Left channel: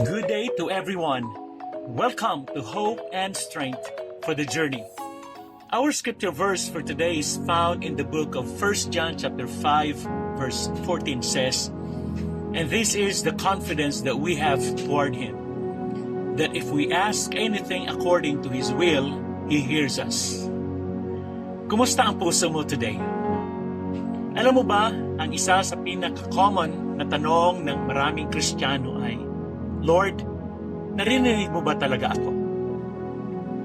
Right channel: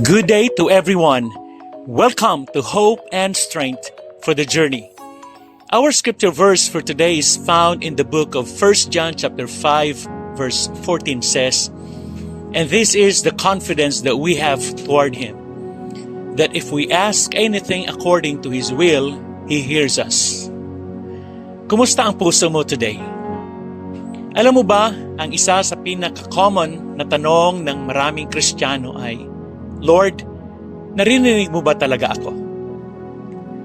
Good day to everyone. Welcome to Hope and Strength for the Journey. Our scripture verse for today is found in the book of 1 John chapter 5 verse 14 says, "And this is the confidence that we have toward Him, that if we ask anything according to His will, He hears us." Kumusta ang puso mo today? Alam mo ba, ang isa sa pinaka-common na tanong ng maraming Kristiyano ay, "Lord, naririnig mo ba talaga ako?"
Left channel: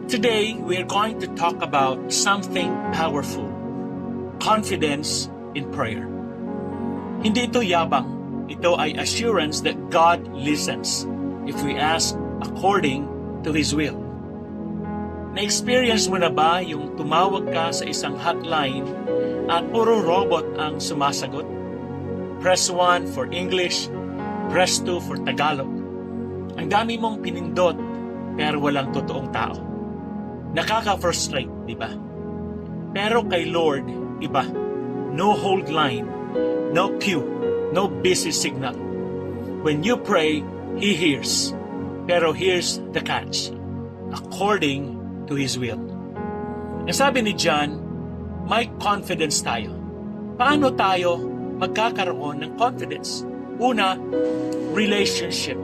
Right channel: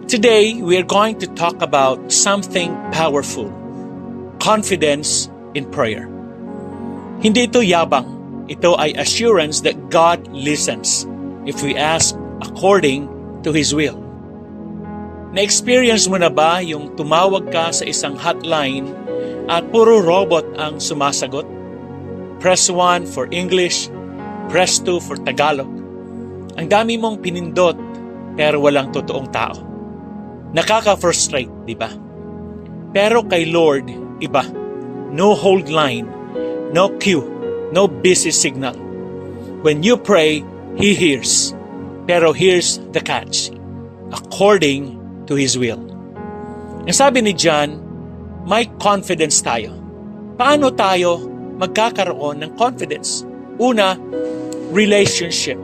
Today, we are going to talk about something powerful, confidence in prayer. Hindi ito yabang. Ito ay assurance that God listens if we ask according to His will. Na-experience mo na ba yung tumawag ka sa isang hotline at puro robot ang sumasagot? Press 1 for English, press 2 for Tagalog. Ang dami mong pinindot pero walang totoong tao. Nakaka-frustrate, di ba? Pero kay Lord, iba. No hold line, no queue, no busy signal. When you pray, He hears. Pero here's the catch. According to His will. Ang sabi ni John, may confidence tayo. Paano tayo magkakaroon ng confidence? Una, relationship.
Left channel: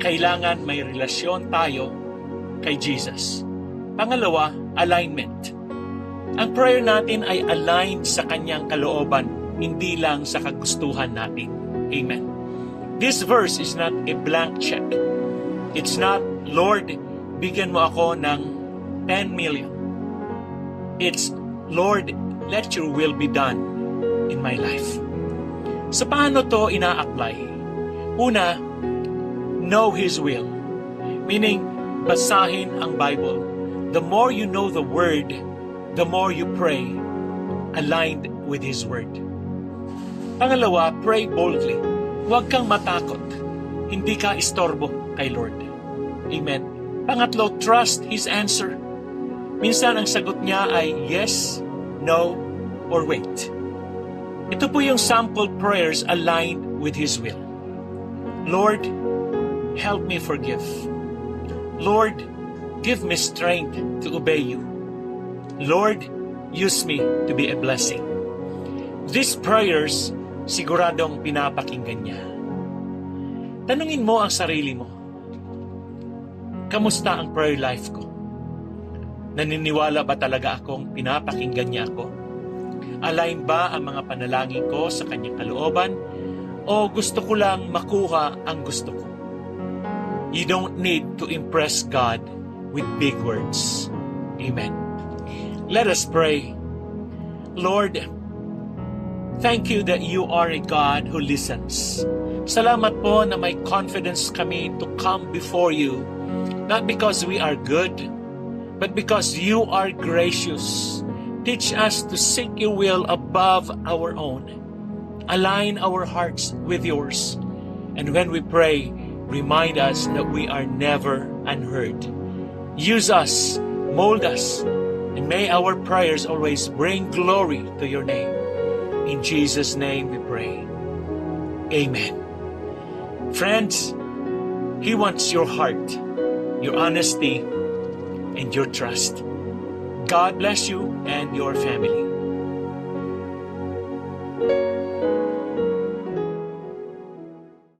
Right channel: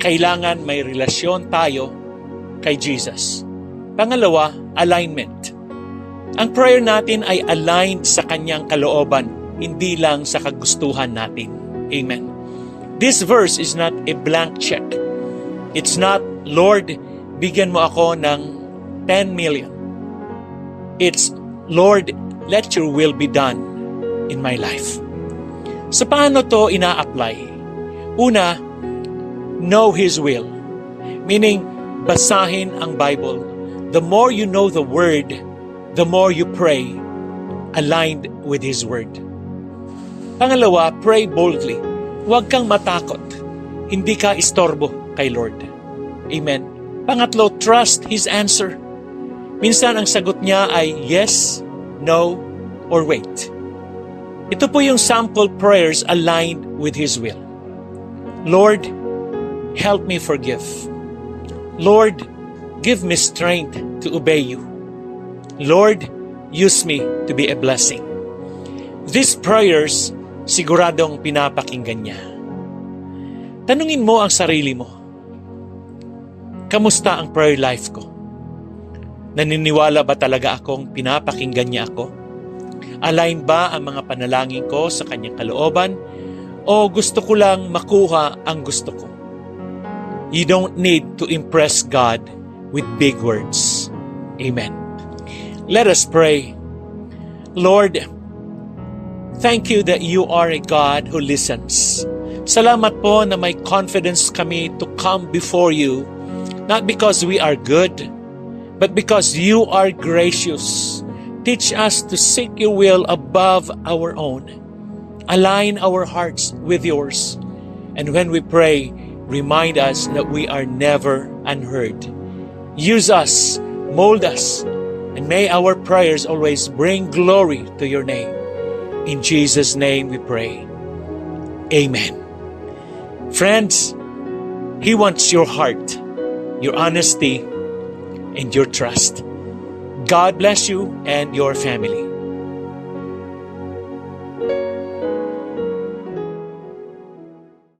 Kailangan may relasyon tayo kay Jesus. Pangalawa, alignment. Ang prayer natin ay aligned sa Kanyang kalooban, hindi lang sa kagustuhan natin. Amen. This verse is not a blank check. It's not, "Lord, bigyan mo ako ng 10 million. It's, "Lord, let your will be done in my life." So paano to ina-apply? Una, know His will. Meaning, basahin ang Bible. The more you know the Word, the more you pray aligned with His Word. Pangalawa, pray boldly. Huwag kang matakot. Hindi ka istorbo kay Lord. Amen. Pangatlo, trust His answer. Minsan ang sagot niya ay yes, no, or wait. Ito po yung sample prayers aligned with His will. Lord, help me forgive. Lord, give me strength to obey you. Lord, use me to be a blessing. These prayers, siguradong pinapakinggan niya. Tanungin mo ang sarili mo, kamusta ang prayer life ko? Naniniwala ba talaga akong pinapakinggan niya ako? Align ba ang mga panalangin ko sa Kanyang kalooban? O gusto ko lang makuha ang gusto ko? You don't need to impress God with big words. Amen. Let us pray. Lord, thank you that you are a God who listens. Salamat po na may confidence kami to come before you, not because we are good, but because you are gracious. Teach us to seek your will above our own. Align our hearts with yours. And when we pray, remind us that we are never unheard. Use us, mold us, and may our prayers always bring glory to your name. In Jesus' name we pray. Amen. Friends, He wants your heart, your honesty, and your trust. God bless you and your family.